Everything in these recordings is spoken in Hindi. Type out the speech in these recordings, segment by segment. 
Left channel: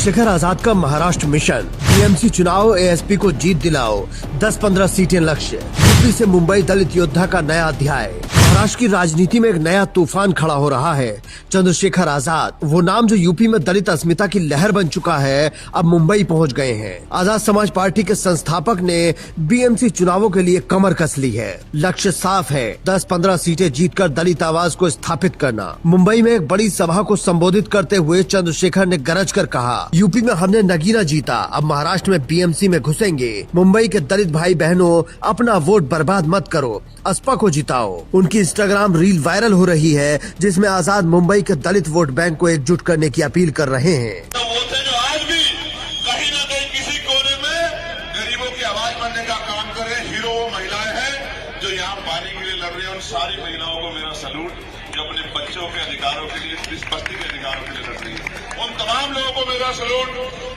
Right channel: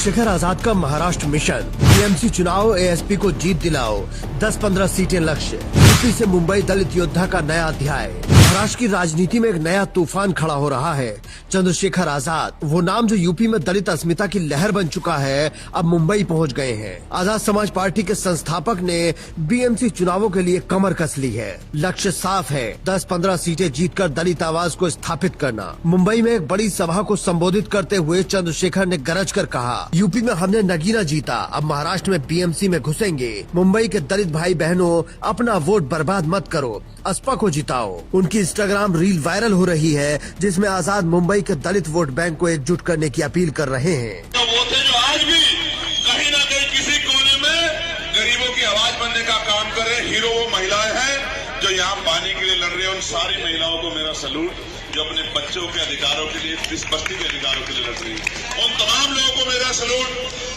चंद्रशेखर आजाद का महाराष्ट्र मिशन, बीएमसी चुनाव, एएसपी को जीत दिलाओ, 10-15 सीटें लक्ष्य। यूपी से मुंबई दलित योद्धा का नया अध्याय। महाराष्ट्र की राजनीति में एक नया तूफान खड़ा हो रहा है। चंद्रशेखर आजाद, वो नाम जो यूपी में दलित अस्मिता की लहर बन चुका है, अब मुंबई पहुंच गए हैं। आजाद समाज पार्टी के संस्थापक ने बीएमसी चुनावों के लिए कमर कस ली है। लक्ष्य साफ है, 10-15 सीटें जीतकर दलित आवाज को स्थापित करना। मुंबई में एक बड़ी सभा को संबोधित करते हुए चंद्रशेखर ने गरज कर कहा, यूपी में हमने नगीना जीता, अब महाराष्ट्र में बीएमसी में घुसेंगे। मुंबई के दलित भाई बहनों, अपना वोट बर्बाद मत करो, असपा को जिताओ। उनकी इंस्टाग्राम रील वायरल हो रही है, जिसमें आजाद मुंबई के दलित वोट बैंक को एकजुट करने की अपील कर रहे हैं। तो वो थे जो आज भी कहीं न कहीं किसी कोने में गरीबों की आवाज बनने का काम करे। हीरो वो महिलाएं हैं जो यहाँ पानी के लिए लड़ रही है। उन सारी महिलाओं को मेरा सलूट, जो अपने बच्चों के अधिकारों के लिए, इस बस्ती के अधिकारों के लिए लड़ रही है। उन तमाम लोगों को मेरा सलूट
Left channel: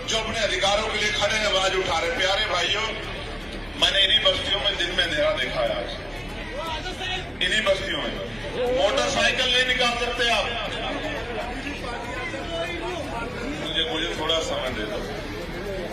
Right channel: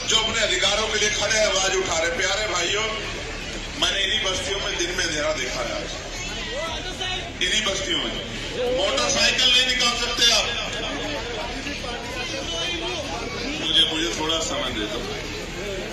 जो अपने अधिकारों के लिए खड़े आवाज उठा रहे। प्यारे भाइयों, मैंने इन्हीं बस्तियों में दिन में अंधेरा देखा है। आज इन्हीं बस्तियों में मोटरसाइकिल नहीं निकाल सकते आप। मुझे थोड़ा समय दे दो,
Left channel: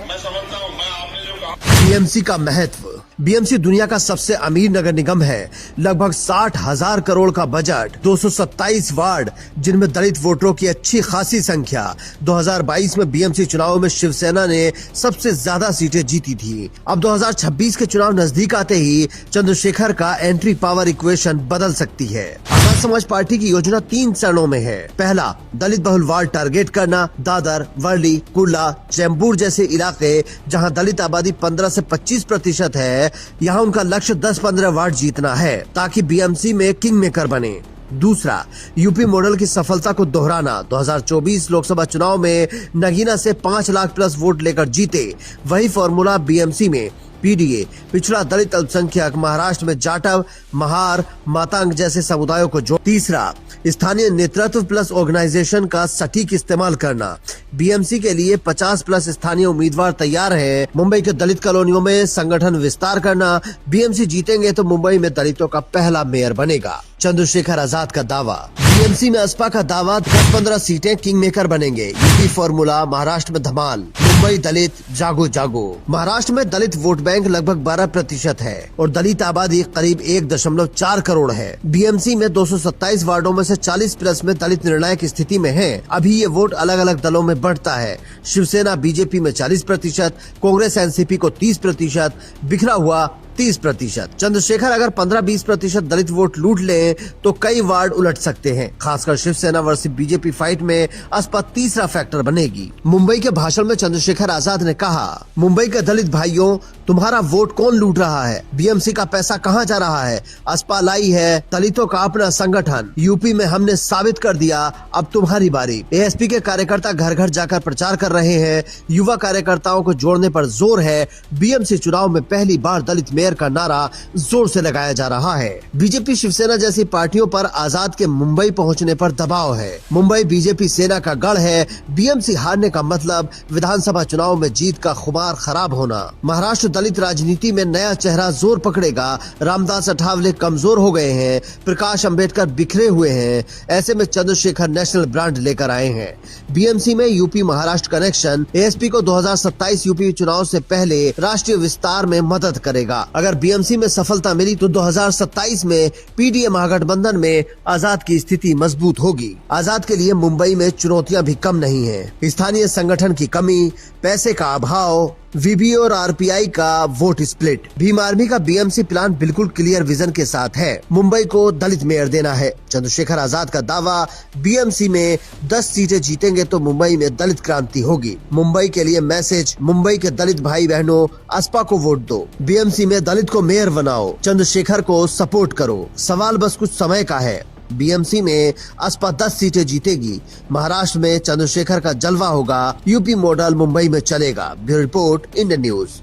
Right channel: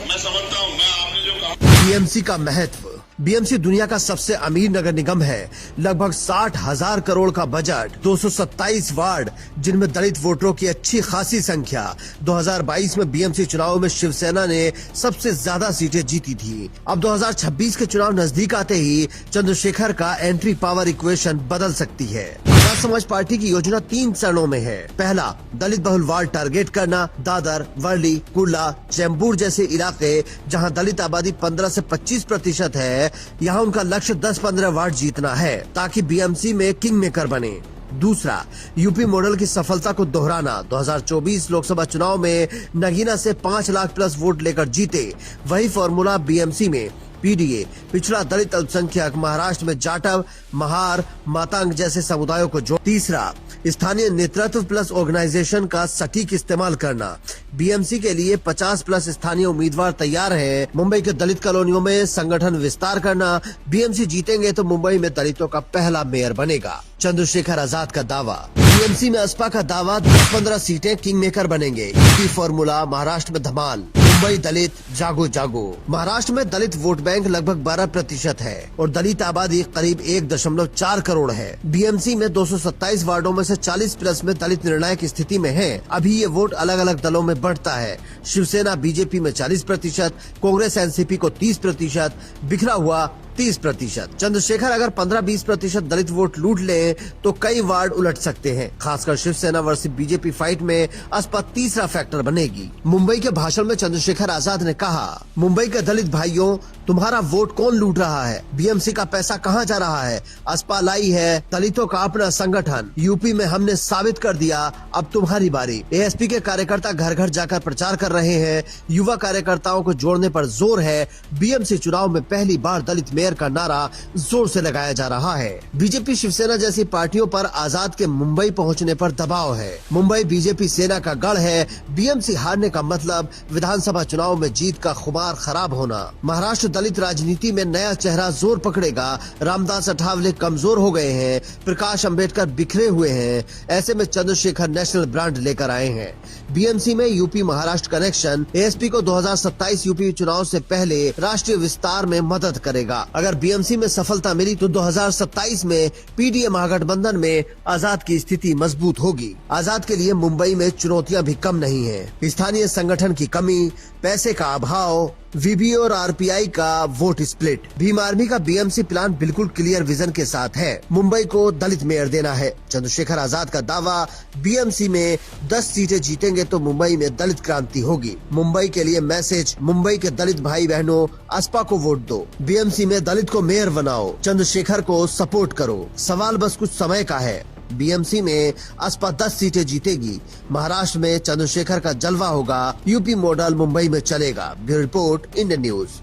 मैं समझता हूँ। मैं आपने जो कहा, बीएमसी का महत्व। बीएमसी दुनिया का सबसे अमीर नगर निगम है। लगभग 60,000 करोड़ का बजट, 227 वार्ड, जिनमें दलित वोटरों की अच्छी खासी संख्या। 2022 में बीएमसी चुनाव में शिवसेना ने सबसे ज्यादा सीटें जीती थी। अब 2026 के चुनाव नजदीक आते ही चंद्रशेखर का एंट्री पावर इक्वेशन बदल सकती है। आजाद समाज पार्टी की योजना 3 चरणों में है। पहला, दलित बहुल वार्ड टारगेट करना। दादर, वर्ली, कुर्ला, चैम्बूर जैसे इलाके जहां दलित आबादी 15 से 25% है, यहाँ उनका लक्ष्य 10-15 वार्ड जीतना है, ताकि बीएमसी में किंग मेकर बने। दूसरा, यूपी मॉडल की सफलता को दोहराना। 2024 लोकसभा चुनाव में नगीना से 5 लाख प्लस वोट लेकर जीते, वही फॉर्मूला बीएमसी में। पीडीए, पिछड़ा दलित अल्पसंख्यक, महाराष्ट्र में जाटव, महार, मातांग जैसे समुदायों को जोड़। तीसरा, स्थानीय नेतृत्व प्लस ऑर्गेनाइजेशन का सटीक इस्तेमाल करना। बीएमसी के लिए 50 प्लस स्थानीय उम्मीदवार तैयार हैं। मुंबई के दलित कॉलोनियों में संगठन विस्तार करना। बीएमसी जीतेंगे तो मुंबई में दलितों का पहला मेयर बनेगा। चंद्रशेखर आजाद का दावा। बीएमसी में असपा का दावा, 10-15 सीटें किंग मेकर बनेंगे। यूपी फॉर्मूला, महाराष्ट्र में धमाल। मुंबई दलित जागो जागो। महाराष्ट्र में दलित वोट बैंक लगभग 12% है और दलित आबादी करीब 1.4 करोड़ है। बीएमसी में 227 वार्डों में से 40 प्लस में दलित निर्णायक स्थिति में है। अभी ये वोट अलग अलग दलों में बढ़ता है। शिवसेना बीजेपी में 40%, कांग्रेस एनसीपी को 30%, बिखरा हुआ 30%। चंद्रशेखर अगर 15-20% दलित वोट लूट लें तो कई वार्ड उलट सकते हैं। खासकर शिवसेना वर्सेस बीजेपी फाइट में असपा तीसरा फैक्टर बनेगी। मुंबई के भाषण में चंद्रशेखर आजाद ने कहा, मुंबई के दलित भाइयों, तुम्हारा वोट कौन लूट रहा है? बीएमसी का पैसा कहां जा रहा है? असपा लाई है दलितों का अपना संगठन। यूपी में हमने साबित कर दिया, अब तुम्हारी बारी। एएसपी के कार्यकर्ता घर घर जाकर प्रचार कर रहे हैं। युवा कार्यकर्ताओं को जोड़ने पर जोर है। बीएमसी चुनाव में पहली बार दलित मेयर का नारा जोर से लगाया जा रहा है। बीजेपी शिवसेना जैसी पार्टियों पर आजाद के मुंबई पहुंचने पर दबाव है। मुंबई बीजेपी सेना का गढ़ है। बीएमसी हारने का मतलब विधानसभा चुनाव में जीत का खुमार खराब होना। महाराष्ट्र दलित राजनीति में नया चेहरा जोर पकड़ेगा। रामदास अठावले कमजोर हो गए हैं, प्रकाश अंबेडकर बिखरे हुए हैं। ऐसे में चंद्रशेखर नेशनल ब्रांड लेकर आए हैं। बीएमसी में यूपी महाराष्ट्र कनेक्शन एएसपी को 2027 यूपी चुनाव से पहले राष्ट्रीय विस्तार में मदद करेगा। अगर बीएमसी में सफलता मिली तो 2027 में पीडीए महागठबंधन में आजाद की स्थिति मजबूत होगी। आजाद के लिए मुंबई में चुनौतियां भी कम नहीं हैं। स्थानीय संगठन की कमी, पैसे का अभाव, वीबी और आरपीआई का वोट स्प्लिट। भीम आर्मी का बीएमसी प्लान बिल्कुल क्लियर विजन के साथ है। मुंबई को दलित मेयर देना है। चंद्रशेखर आजाद का दावा, बीएमसी में 10 सीटें जीतेंगे तो मुंबई में दलित क्रांति होगी। मुंबई के लिए मैसेज, मुंबई के दलित भाई बहनों, असपा को वोट दो, बीएमसी में दलित को मेयर बनाओ, चंद्रशेखर को सपोर्ट करो। सवाल बस कुछ समय का है। बीएमसी में असपा 10 सीटें जीतेगी। महाराष्ट्र में चंद्रशेखर का जलवा होगा। यूपी मॉडल मुंबई में चलेगा। Bureau report, Indian news.